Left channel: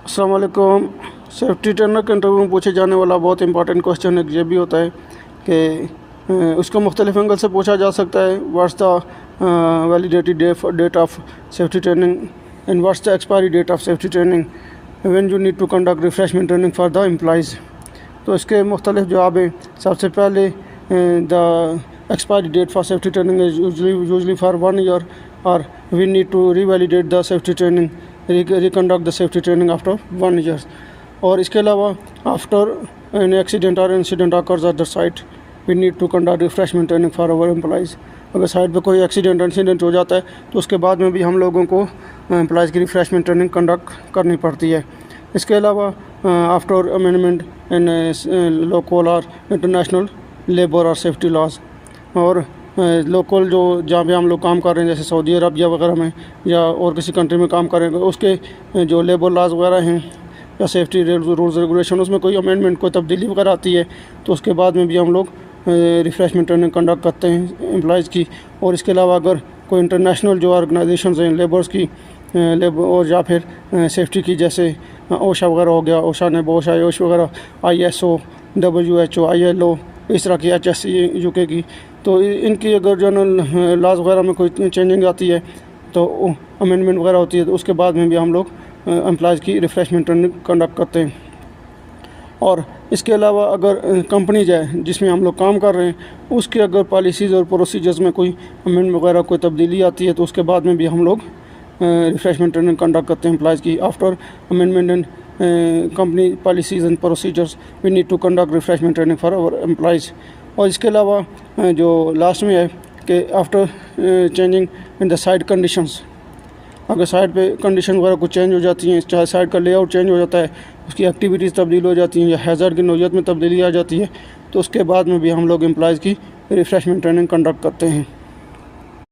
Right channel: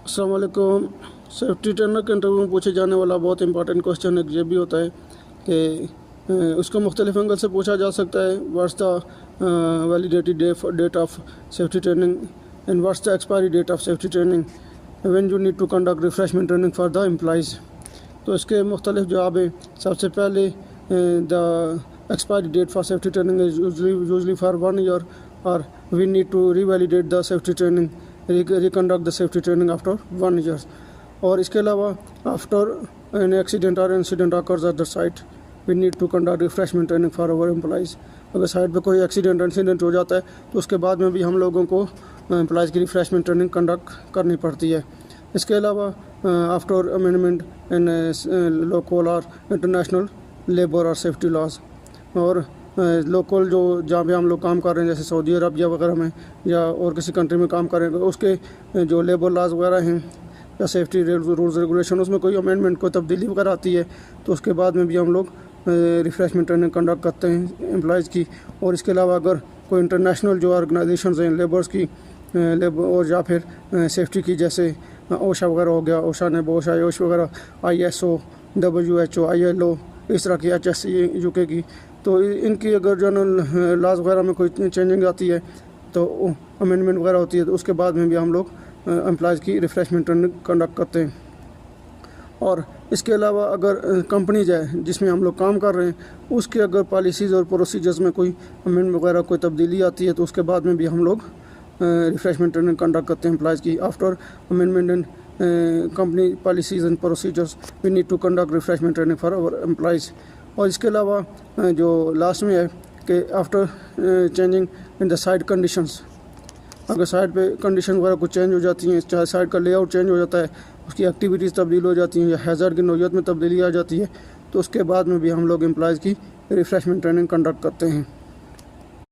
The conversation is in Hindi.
अस्सलाम वालेकुम। सेफ्टी ट्रेनर के इंटरव्यू में पूछे जाने वाला बहुत इंपॉर्टेंट क्वेश्चन एक ये भी होता है कि उसको मुख्तलिफ एंगल से पूछा जा सकता है। What's the validity date of safety training and what's the expiry date of safety training when you need to conduct refreshment training for the employees. तो इसके मुख्तलिफ जवाब हैं। सबसे पहले the expiry date for safety training is usually for 1 year और we need to revalidate the safety training reconduct the safety training after 1 year. और इसके अलावा आफ्टर एन एक्सीडेंट और incident occurs at the site we need to conduct refreshment training for our employees. अगर साइट पे कोई इंसिडेंट हो जाता है तो उसके बाद में भी हम लोगों को एम्प्लॉइज़ की रिफ्रेशमेंट ट्रेनिंग कंडक्ट करनी पड़ती है। इसके अलावा आफ्टर अमेंडमेंट इन लोकल और इंटरनेशनल लेबर और सेफ्टी लॉज, और लोकल जो जहाँ पे हम लोग काम कर रहे हैं जैसे सऊदी अरब या वगैरह में या और किसी कंट्री में काम करेंगे उसके जो लेबर लॉज वगैरह हैं या सेफ्टी रूल्स रेगुलेशन उसमें कोई अमेंडमेंट कोई तब्दीली वगैरह आती है तो उसके बाद में भी हम लोग रिफ्रेशमेंट ट्रेनिंग कंडक्ट करते हैं एम्प्लॉइज़ की। और इसके अलावा अगर कोई इंटरनेशनल जो ऑर्गेनाइजेशन हैं लेबर्स की लेबर और या फिर सेफ्टी की जैसे ओशा वगैरह हो गया, ओशा ने बोशा ओश वगैरह, ISO WHO ILO इस तरह की HSE UK की, तो इनकी अगर जनरल लॉज वगैरह में कोई चेंजिंग आती है तो अमेंडमेंट वगैरह होती है तो उसके बाद में भी हम लोग एम्प्लॉइज़ की रिफ्रेशमेंट ट्रेनिंग कंडक्ट करते हैं। और इसके अलावा अगर कंपनीज है जिसमें हम लोग काम कर रहे हैं उसकी अगर पॉलिसीज़ और प्रोसीजर्स में कोई अमेंडमेंट वगैरह कोई तब्दीली आती है तो उसके बाद में भी हम लोग रिफ्रेशमेंट ट्रेनिंग कंडक्ट करते हैं एम्प्लॉइज़ की। After amendment and company policies and procedures we need to conduct refreshment training for our employees. और इसके अलावा जो लास्ट में है कि after changing in the site conditions, अगर साइट पे कंडीशन वगैरह कुछ चेंज हो जाती हैं, चाहे साइट का लेआउट चेंज हो जाता है, उसकी एक्टिविटीज़ तब्दील हो जाती हैं या हैज़ार्ड की नौयत में तब्दीली आ जाती है तो उसके बाद में भी हम लोग एम्प्लॉइज़ की रिफ्रेशमेंट ट्रेनिंग कंडक्ट करते हैं।